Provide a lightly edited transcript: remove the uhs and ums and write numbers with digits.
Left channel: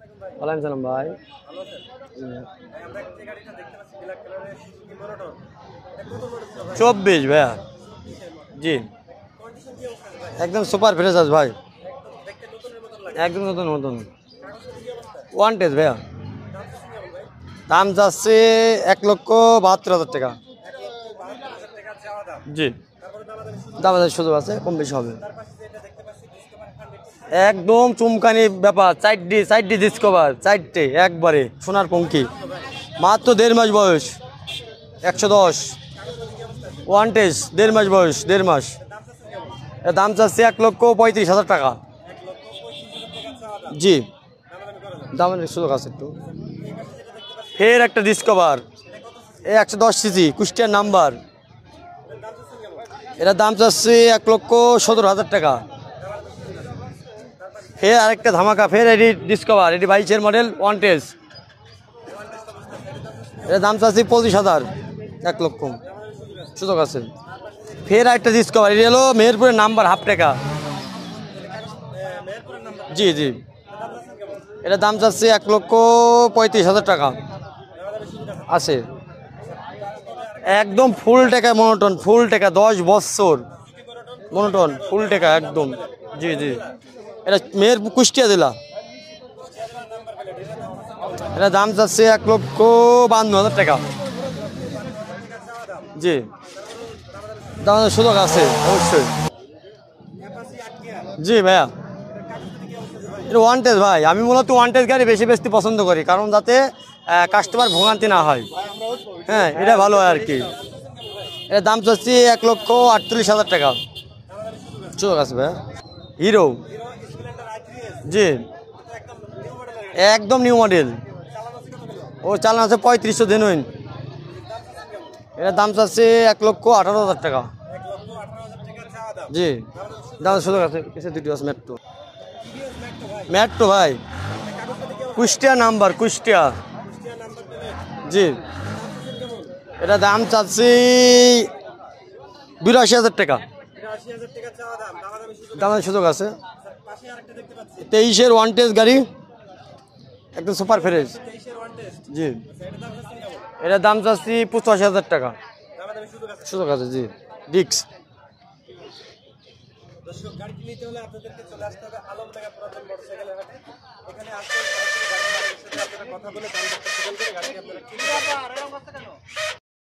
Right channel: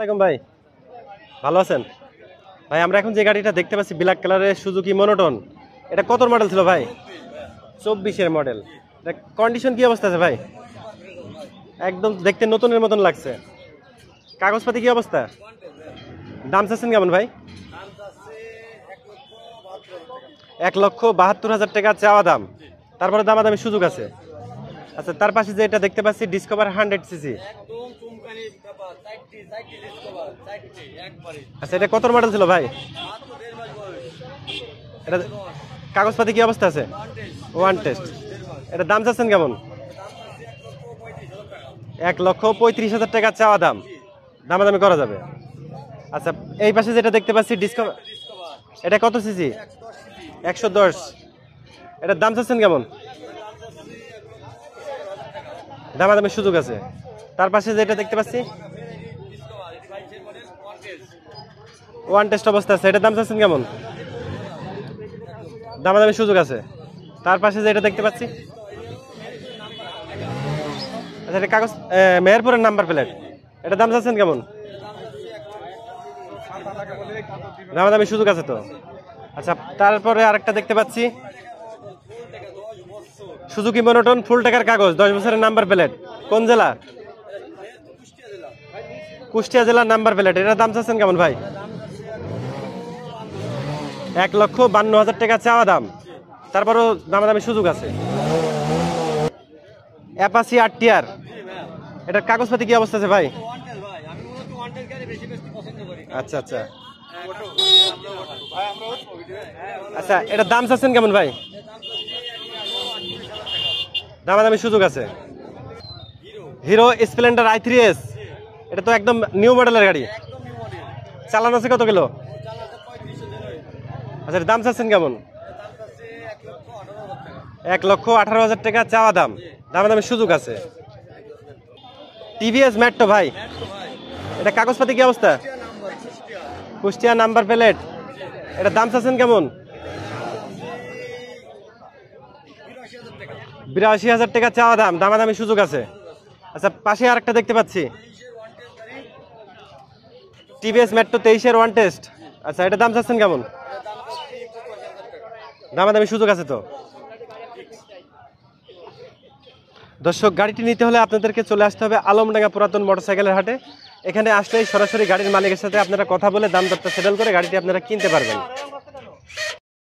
আসসালামু ভাই। ওয়ালাইকুম সালাম ভাই। ভালো আছেন? ভাই আমরা এখন যে গাড়িটা দেখতে পাচ্ছি ব্ল্যাক কালারের সুজুকি মনোটন, এটা কত মডেল ছিল ভাই? 24 ভাইয়া। 24 এর মডেল। জি। এটা কন্ডিশন কি অবস্থা আছে ভাই? একদম সুপার ফ্রেশ আছে ভাই। একদম দেখতে নতুনের মতন লাগছে। একদম নতুন নতুন। কাগজপাতি কি অবস্থা? ওয়ান টেস্ট ভাইয়া। দাম চাচ্ছেন কেমন ভাই? দাম যাচ্ছে 1,72,000 টাকা। 1,72,000 টাকা চাওয়া দাম। জি। তারপরে দামাদামি সুযোগ আছে। আমাদের সুযোগ আছে, কম বেশি হবে। আচ্ছা, তার পাশে যে এটা দেখতে পাচ্ছি ডিসকভার 100 সিসি, একদম চুমকানি ব্যাপার। 4D ডিসকভার, 4টে একবারে। এটা কত মডেল ছিল ভাই? মাত্র 1.5 মাস বয়স। 110। কাগজপাতি কি অবস্থা আছে? ওয়ান টেস্ট 1.5 মাস বয়স, 1.5 মাস। এটা দাম চাচ্ছেন কেমন? এর দাম চাচ্ছে 1,35,000 টাকা। 1,35,000 টাকা চাওয়া দাম। জি। দামাদামি করা যাবে। দামের সুযোগ আছে একটু। আচ্ছা, এই পাশে যেটা দেখতে পাচ্ছি এর একটা ডিসকভার। এটা কত সিসি? 110 CC, Kushtia 110 number. এটার দাম চাচ্ছেন কেমন? এটার দাম চাচ্ছে 1,17,000 টাকা। দামাদামির সুযোগ আছে। তার পাশে যে আরেকটা ধামাকা, ফের এডি ডিসকভার, এডি 22 এর model, one test. One test অবস্থা আছে, এটার দাম চাচ্ছেন কেমন? এটার দাম চাচ্ছি 25,000। 1 লক্ষ দামাদামির সুযোগ আছে। সুযোগ আছে। তার পাশে যে এটা দেখতে ফের পাচ্ছি, একটা ডিসকভার, এটি হলো মেহেরপুরের নাম্বার, হাফ টাকা। আচ্ছা, এটা কাগজ মেহেরপুরের নাম্বার প্লেট। জি জি। এটার দাম চাচ্ছেন কেমন? এটার দাম চাচ্ছি 1,35,000 টাকা। দামাদামির সুযোগ আছে তো? আছে। আচ্ছা, তারপরে আরেকটা দেখতে একদম পাচ্ছি ফুল টাকা মনোটন, ফুল টাকা, 10 বছর। সুজুকি মনোটন ফুল টাকার মনোটন, কাগজ, ফুল 10 টাকা, বছরের নাম্বার একদম। প্লেট। জি, কোন জি। জেলা? এটা মেহেরপুর, কুষ্টিয়া জেলা। কুষ্টিয়া জেলার নাম্বার প্লেট। এটার দাম চাচ্ছেন কেমন ভাই? এটার দাম চাচ্ছে 1,52,000 টাকা। 1,52,000 টাকা চাওয়া দাম। জি। তারপরও দামাদামির সুযোগ আছে। দামের সুযোগ আছে অবশ্যই। অ্যাপাচি আরটিআর, জি ভাইয়া। এটার কাগজপাতি কি অবস্থা আছে ভাই? এটা ওয়ান টেস্ট ভাই। আমি মূলত ওয়ান টেস্ট গাড়ি বেশি বেশি পছন্দ করি, কারণ যাতে কাস্টমার ভোগান্তি না হয়। হ্যাঁ, এটা ভালো হয় আর কি। এটার দাম চাচ্ছেন কেমন ভাই? এর দাম চাচ্ছি 1,38,000 টাকা। দামাদামির সুযোগ আছে। সুযোগ আছে ভাইয়া। হিরো। হিরো স্প্লেন্ডার i3s, জি। এটা তো একদম নিউ মডেলের গাড়ি। একদম নিউ মডেল। চালান আছে কত কিলো? ও চালান আছে 3500 জেনুইন। আচ্ছা, এটার দাম চাচ্ছেন কেমন? এর দাম চাচ্ছে 1,18,000 টাকা। 1,18,000 টাকা চাওয়া দাম। জি। দামাদামির সুযোগ আছে। সুযোগ আছে। পিছে দুটো আছে মেট্রো। টিভিএস মেট্রো ভাই, মেট্রো ভাই। এটা কাগজপাতি কি অবস্থা? Kushtia number, Kushtia. Kushtia number plate. জি। এটার দাম চাচ্ছেন কেমন? এটা দাম চাচ্ছি 82,000 টাকা। 82,000 টাকা চাওয়া দাম। দামাদামির সুযোগ আছে। দামের সুযোগ আছে। আচ্ছা, পাশে আরেকটা দেখতে পাচ্ছি 23 এর ওয়ান টেস্ট গাড়ি, একদম সুপার টিভিএস ফ্রেশ। মেট্রো 23 এর ওয়ান টেস্ট। জি। আচ্ছা, এটার দাম চাচ্ছেন কেমন? এটার দাম চাচ্ছি 85,000 টাকা। দামাদামির সুযোগ আছে তো? সুযোগ আছে। জি। ডিক্স। দর্শক, গাড়িটি নিতে হলে আপনাদেরকে চলে আসতে হবে আলমডাঙ্গা পুরাতন মোটরসাইকেলের হাটে। এখানে আসলে সরাসরি গাড়ির মালিকের সাথে আপনারা কথা বলে দাম দরটা সেটেল করে গাড়িটি আপনারা কিনতে পারবেন।